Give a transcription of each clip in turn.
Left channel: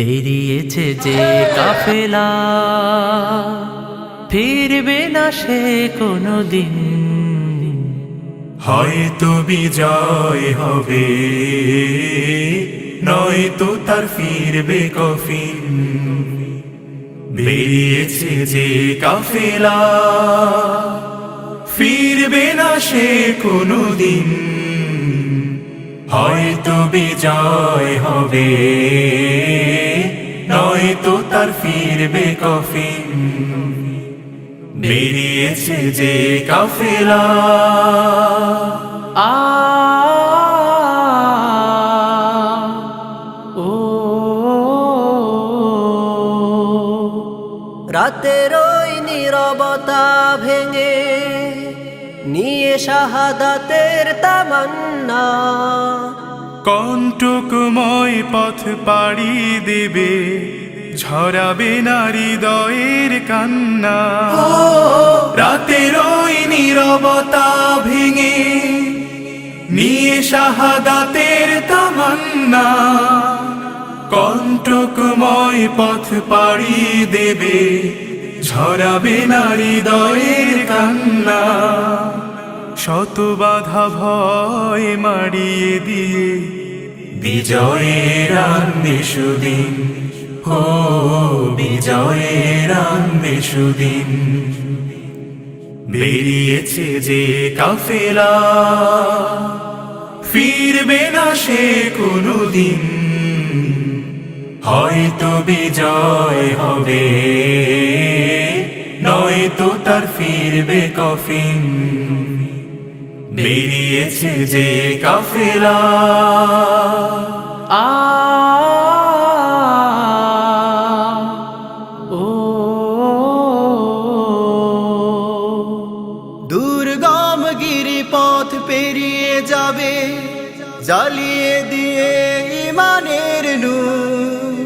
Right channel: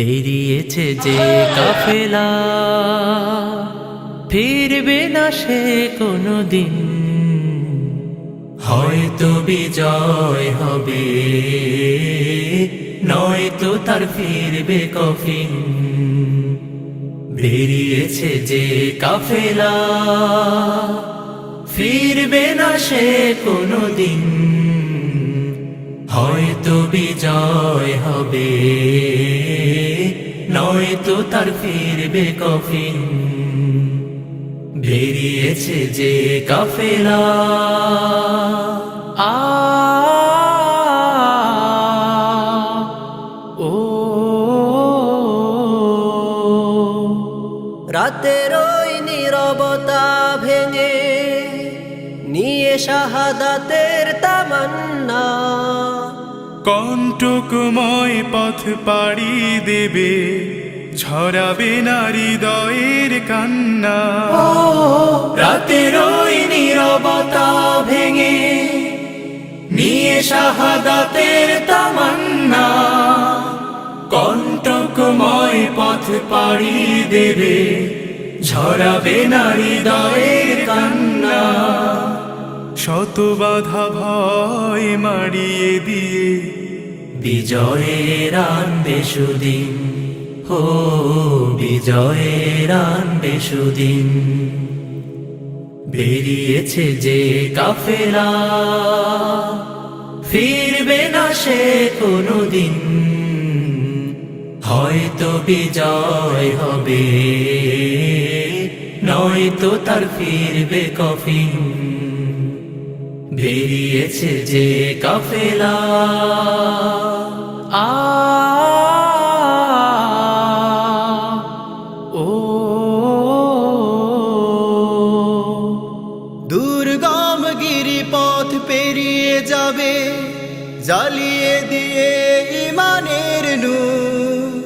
বেরিয়েছে যে কাফেলা, ফিরবে না সে কোনো দিন। হয়তো বিজয় হবে, নয়তো তার ফিরবে কফিন। বেরিয়েছে যে কাফেলা, ফিরবে না সে কোনো দিন। হয়তো বিজয় হবে, নয়তো তার ফিরবে কফিন। বেরিয়েছে যে কাফেলা। আ ও রাতের ওই নীরবতা ভেঙে নিয়ে শাহাদাতের তামান্না, কণ্টকময় পথ পাড়ি দেবে, ঝরাবে না হৃদয়ের কান্না। রাতের ওই নীরবতা ভেঙে নিয়ে শাহাদাতের তামান্না, কণ্টকময় পথ পাড়ি দেবে, ঝরাবে না হৃদয়ের কান্না। শত বাধা ভয় মারিয়ে দিয়ে বিজয়ের আনবে সুদিন। ও বিজয়ের আনবে সুদিন। বেরিয়েছে যে কাফেলা, ফিরবে না সে কোনো দিন। হয়তো বিজয় হবে, নয়তো তার ফিরবে কফিন। বেরিয়েছে যে কাফেলা। আ ও দুর্গম গিরিপথ পেরিয়ে যাবে, জ্বালিয়ে দিয়ে ইমানের নূর।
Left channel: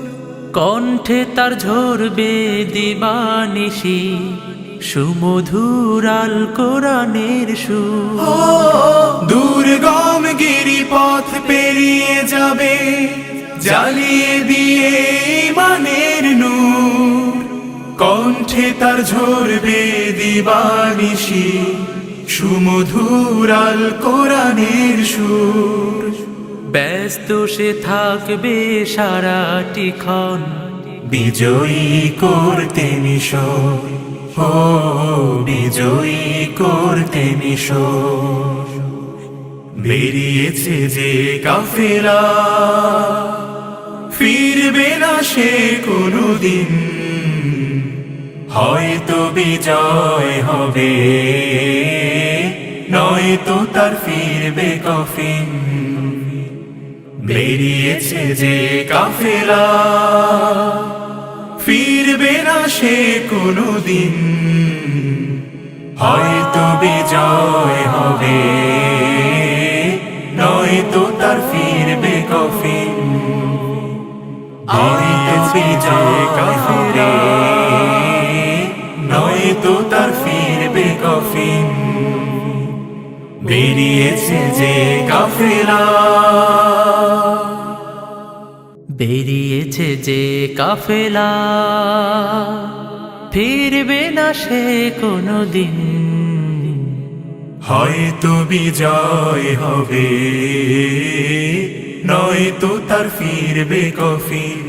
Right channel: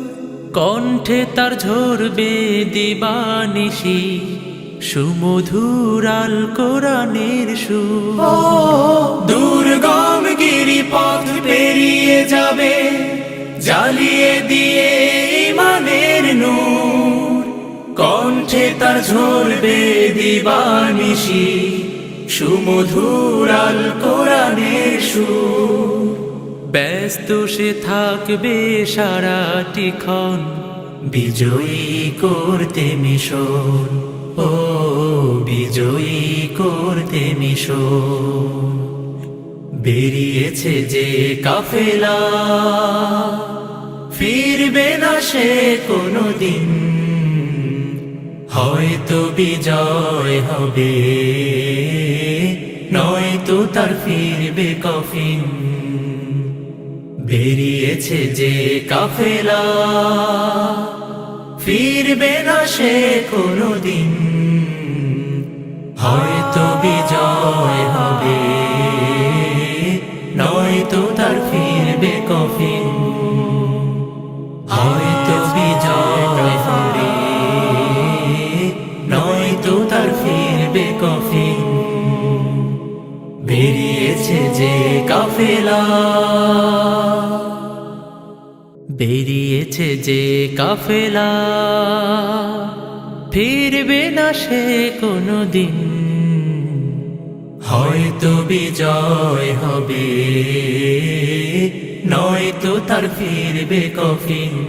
কণ্ঠে তার ঝরবে দিবানিশি, সুমধুর আল কোরআনের সুর। দুর্গম গিরিপথ পেরিয়ে যাবে, জ্বালিয়ে দিয়ে ইমানের নূর। কণ্ঠে তার ঝরবে দিবানিশি, সুমধুর আল কোরআনের সুর। ব্যস্ত সে থাকবে সারাটি ক্ষণ, বিজয়ী করতে মিশন। ও বিজয়ী করতে মিশন। বেরিয়েছে যে কাফেলা, ফিরবে না সে কোনো দিন। হয়তো বিজয় হবে, নয়তো তার ফিরবে কফিন। বেরিয়েছে যে কাফেলা, ফিরবে না সে কোনো দিন। হয়তো বিজয় হবে, নয়তো তার ফিরবে কফিন। হয়তো বিজয় হবে, নয়তো তার ফিরবে কফিন। বেরিয়েছে যে কাফেলা। বেরিয়েছে যে কাফেলা, ফিরবে না সে কোনো দিন। হয়তো বিজয় হবে, নয়তো তার ফিরবে কফিন।